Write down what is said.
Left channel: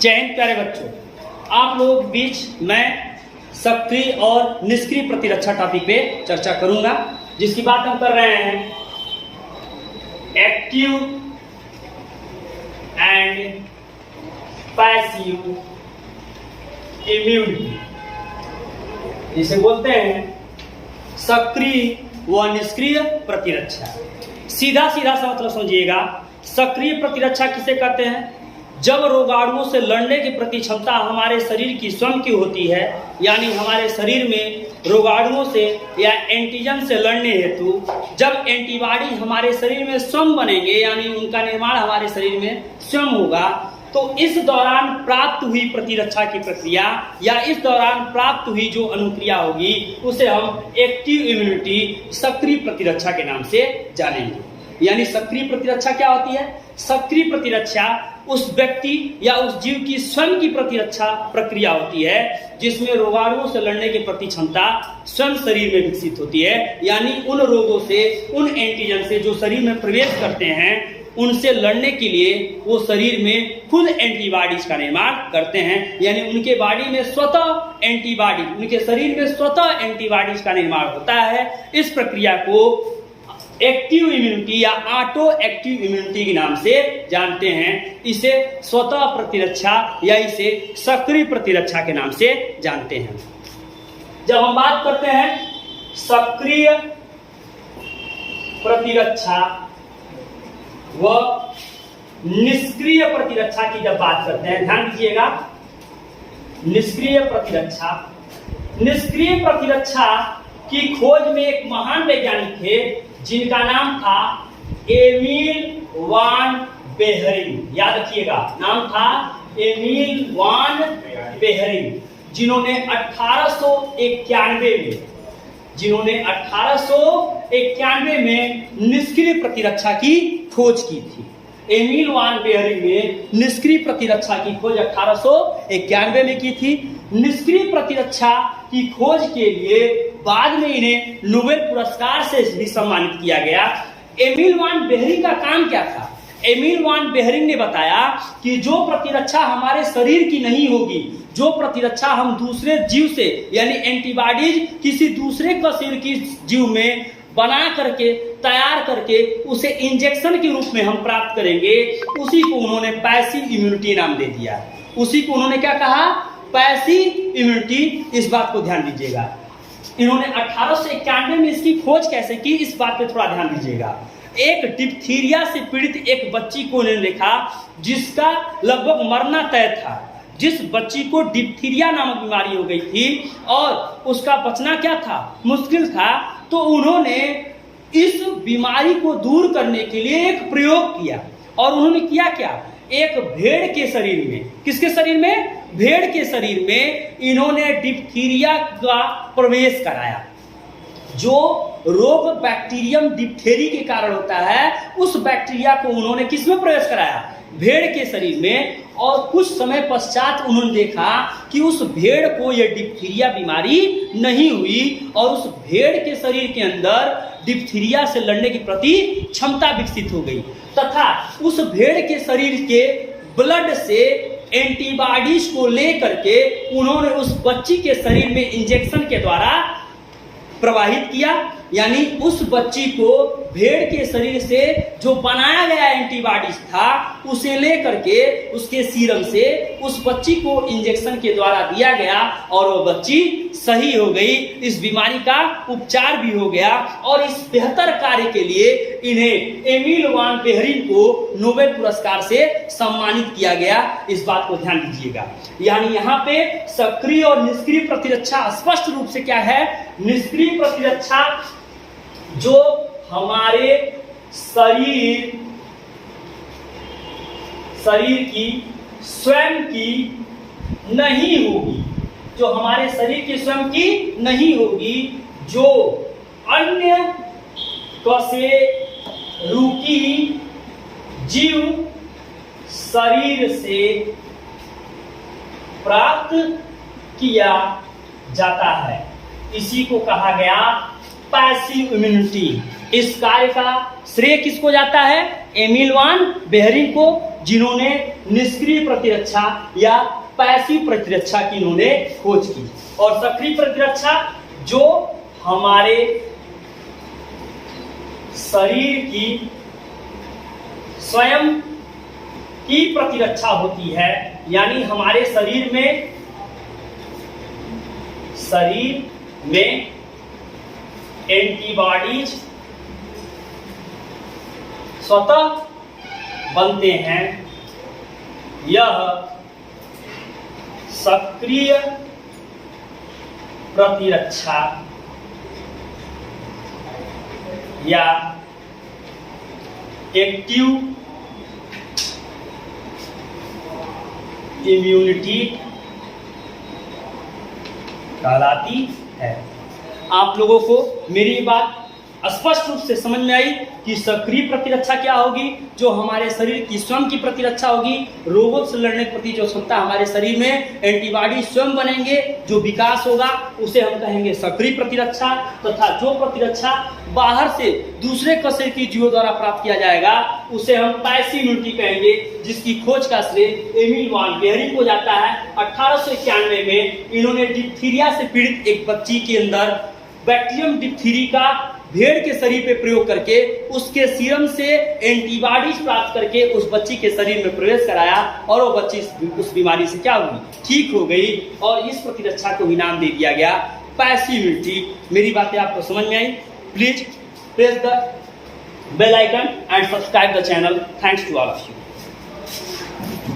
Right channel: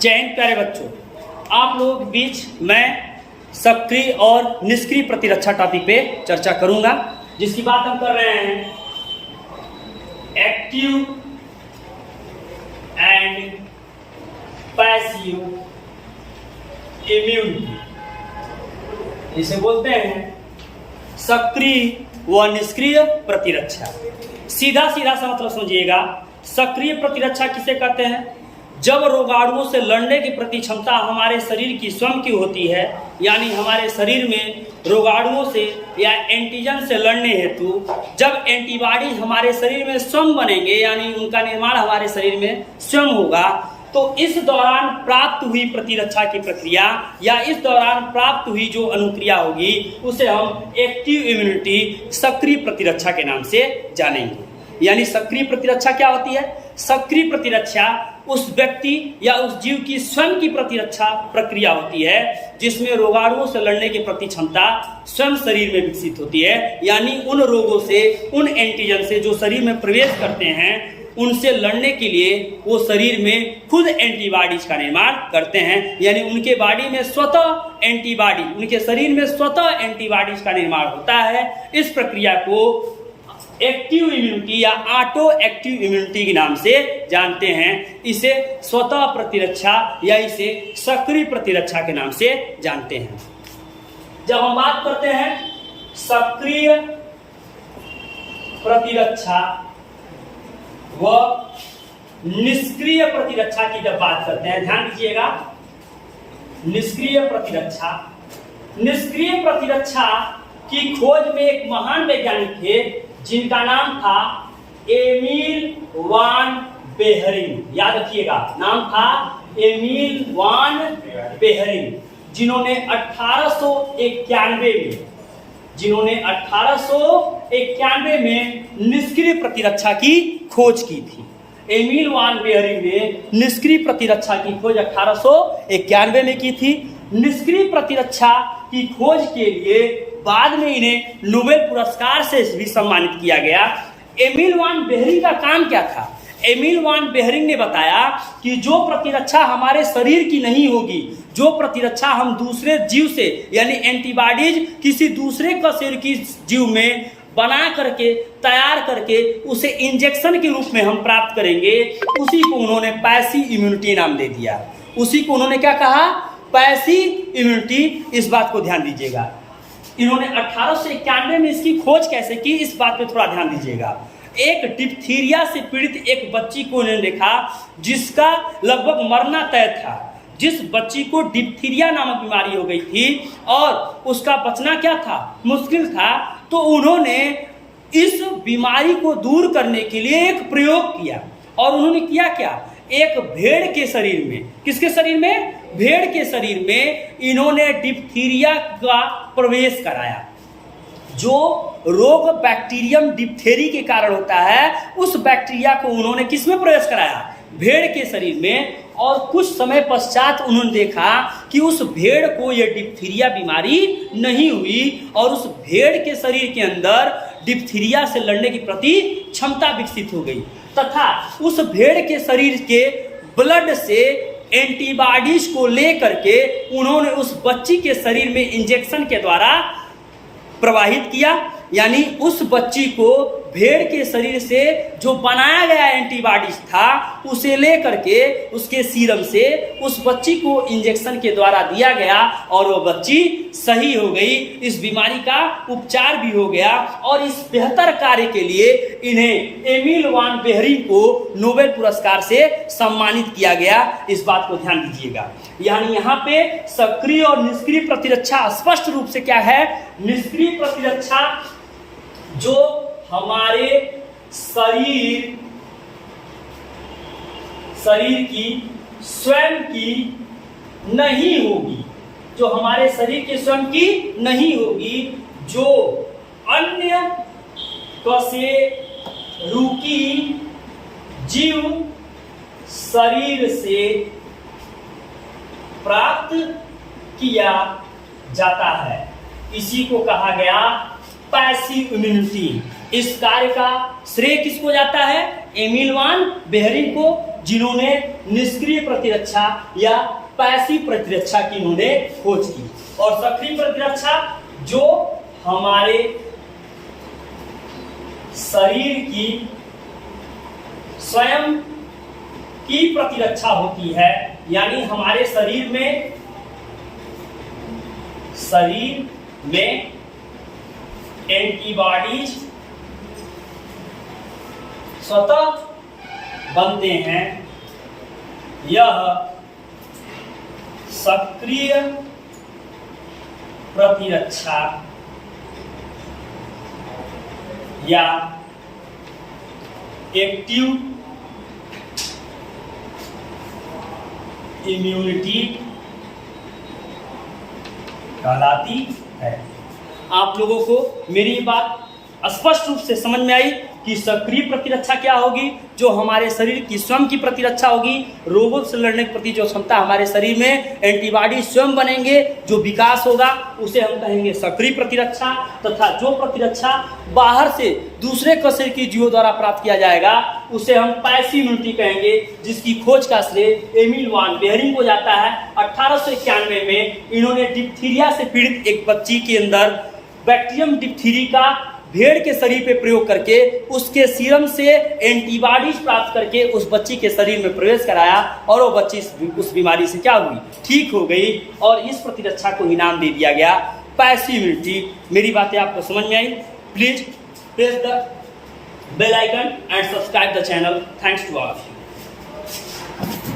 जय हिंद प्यारे बच्चों, आप लोगों के बीच मैं सक्रिय और निष्क्रिय प्रतिरक्षा टॉपिक पे चर्चा करूंगा, जिसकी बात हम कर रहे हैं एक्टिव एंड पैसिव इम्यूनिटी। इसे बोलते हैं सक्रिय व निष्क्रिय प्रतिरक्षा। सीधा सीधा सा मतलब समझिएगा, सक्रिय प्रतिरक्षा किसे कहते हैं? जब रोगाणुओं से लड़ने की प्रति क्षमता हमारे शरीर की स्वयं की होती है, यानी हमारे शरीर में रोगाणुओं से या एंटीजन से लड़ने हेतु जब एंटीबॉडी हमारे शरीर में स्वयं बनेंगे, यानी उनका निर्माण हमारे शरीर में स्वयं होगा, तो इस दौरान प्राप्त हुई प्रतिरक्षा की प्रक्रिया या इस दौरान प्राप्त हुई जो अनुक्रिया होगी उसे हम एक्टिव इम्यूनिटी, सक्रिय प्रतिरक्षा के नाम से जानेंगे। यानी सक्रिय प्रतिरक्षा क्या होती है? सक्रिय प्रतिरक्षा उस व्यक्ति या उस जीव की स्वयं की प्रतिरक्षा प्रक्रिया होती है जिसमें रोगाणुओं से लड़ने की प्रति क्षमता स्वयं शरीर में विकसित होती है, यानी उन रोगों से, उन एंटीजन से जो शरीर में प्रवेश करते हैं, उनसे लड़ने के लिए वो शरीर में खुद एंटीबॉडीज का निर्माण करते हैं, यानी उनके बॉडी में स्वतः एंटीबॉडी, उनके शरीर में स्वतः एंटीबॉडीज का निर्माण होता है। इस प्रक्रिया को एक्टिव इम्यूनिटी या ऑटो एक्टिव इम्यूनिटी के नाम से जानते हैं। इसे स्वतः प्रतिरक्षा या इसे सक्रिय प्रतिरक्षा के नाम से जानते हैं। जब हम बात करते हैं सक्रिय प्रतिरक्षा व निष्क्रिय प्रतिरक्षा की जब बात करते हैं, ध्यान दीजिएगा, निष्क्रिय प्रतिरक्षा। निष्क्रिय प्रतिरक्षा की खोज में एक महान वैज्ञानिक थे जिनका नाम था एमिल वान बेहरिंग। याद रखिएगा, नाम था एमिल वान बेहरिंग, जिन्होंने 1891 में निष्क्रिय प्रतिरक्षा की खोज की थी। एमिल वान बेहरिंग ने निष्क्रिय प्रतिरक्षा की खोज 1891 में की थी। निष्क्रिय प्रतिरक्षा की खोज के लिए बाद में इन्हें नोबेल पुरस्कार से भी सम्मानित किया गया। एमिल वान बेहरिंग का काम क्या था? एमिल वान बेहरिंग ने बताया कि जो प्रतिरक्षा हमारे शरीर की नहीं होगी, जो प्रतिरक्षा हम दूसरे जीव से यानी एंटीबॉडीज किसी दूसरे का शरीर की जीव में बना करके, तैयार करके उसे इंजेक्शन के रूप में हम प्राप्त करेंगे, उसी को उन्होंने पैसिव इम्यूनिटी नाम दे दिया। उसी को उन्होंने क्या कहा? Passive immunity. इस बात को ध्यान दीजिएगा। इन्होंने 1891 में इसकी खोज कैसे की, इस बात पे थोड़ा ध्यान दीजिएगा। एक डिप्थीरिया से पीड़ित एक बच्ची को इन्होंने देखा जिसका लगभग मरना तय था। जिस बच्ची को डिप्थीरिया नामक बीमारी हो गई थी और उसका बचना क्या था, मुश्किल था, तो उन्होंने इस बीमारी को दूर करने के लिए एक प्रयोग किया। और उन्होंने किया क्या? एक भेड़ के शरीर में, किसके शरीर में? भेड़ के शरीर में इन्होंने डिप्थीरिया का प्रवेश कराया। जो रोग बैक्टीरियम डिप्थेरी के कारण होता है, उस बैक्टीरिया को उन्होंने किस में प्रवेश कराया? भेड़ के शरीर में। और कुछ समय पश्चात उन्होंने देखा कि उस भेड़ को यह डिप्थीरिया बीमारी नहीं हुई और उस भेड़ के शरीर के अंदर डिप्थीरिया से लड़ने की प्रति क्षमता विकसित हो गई, तथा उस भेड़ के शरीर के ब्लड से एंटीबॉडीज को लेकर के उन्होंने उस बच्ची के शरीर में इंजेक्शन के द्वारा प्रवाहित किया। यानी उस बच्ची को भेड़ के शरीर से जो बनाया गया एंटीबॉडीज था उसे लेकर के उसके सीरम से उस बच्ची को इंजेक्शन के द्वारा दिया गया और वो बच्ची सही हो गई। इस बीमारी का उपचार भी हो गया और इस बेहतर कार्य के लिए इन्हें एमिल वान बेहरिंग को नोबेल पुरस्कार से सम्मानित किया गया। इस बात को ध्यान दीजिएगा। यानी यहाँ पे सक्रिय और निष्क्रिय प्रतिरक्षा स्पष्ट रूप से क्या है? निष्क्रिय प्रतिरक्षा जो हमारे शरीर की स्वयं की नहीं होगी, जो हमारे शरीर की स्वयं की नहीं होगी, जो अन्य कशेरुकी जीव शरीर से प्राप्त किया जाता है, इसी को कहा गया पैसिव इम्यूनिटी। इस कार्य का श्रेय किसको जाता है? एमिल वान बेहरिंग को, जिन्होंने निष्क्रिय प्रतिरक्षा या पैसिव प्रतिरक्षा की इन्होंने खोज की। और सक्रिय प्रतिरक्षा जो हमारे शरीर की स्वयं की प्रतिरक्षा होती है, यानी हमारे शरीर में एंटीबॉडीज स्वतः बनते हैं, यह सक्रिय प्रतिरक्षा या एक्टिव इम्यूनिटी कहलाती है। आप लोगों को मेरी बात स्पष्ट रूप से समझ में आई कि सक्रिय प्रतिरक्षा क्या होगी, जो हमारे शरीर की स्वयं की प्रतिरक्षा होगी। रोगों से लड़ने के प्रति जो क्षमता हमारे शरीर में एंटीबॉडी स्वयं बनेंगे, जो विकास होगा उसे हम कहेंगे सक्रिय प्रतिरक्षा। तथा जो प्रतिरक्षा बाहर से दूसरे कशेर की जीवों द्वारा प्राप्त किया जाएगा उसे हम पैसिव इम्यूनिटी कहेंगे, जिसकी खोज का श्रेय एमिल वान बेहरिंग को जाता है। 1891 में इन्होंने डिप्थीरिया से पीड़ित एक बच्ची के अंदर बैक्टीरियम डिप्थीरी का भेड़ के शरीर पे प्रयोग करके उसके सीरम से एंटीबॉडीज प्राप्त करके उस बच्ची के शरीर में प्रवेश कराया और वो बच्ची उस बीमारी से क्या हुई, ठीक हो गई। और इस प्रतिरक्षा को ही नाम दे दिया गया पैसिव इम्यूनिटी। मेरी बातें आपको समझ में आई? Please press the bell icon and subscribe the channel. Thanks to all of you.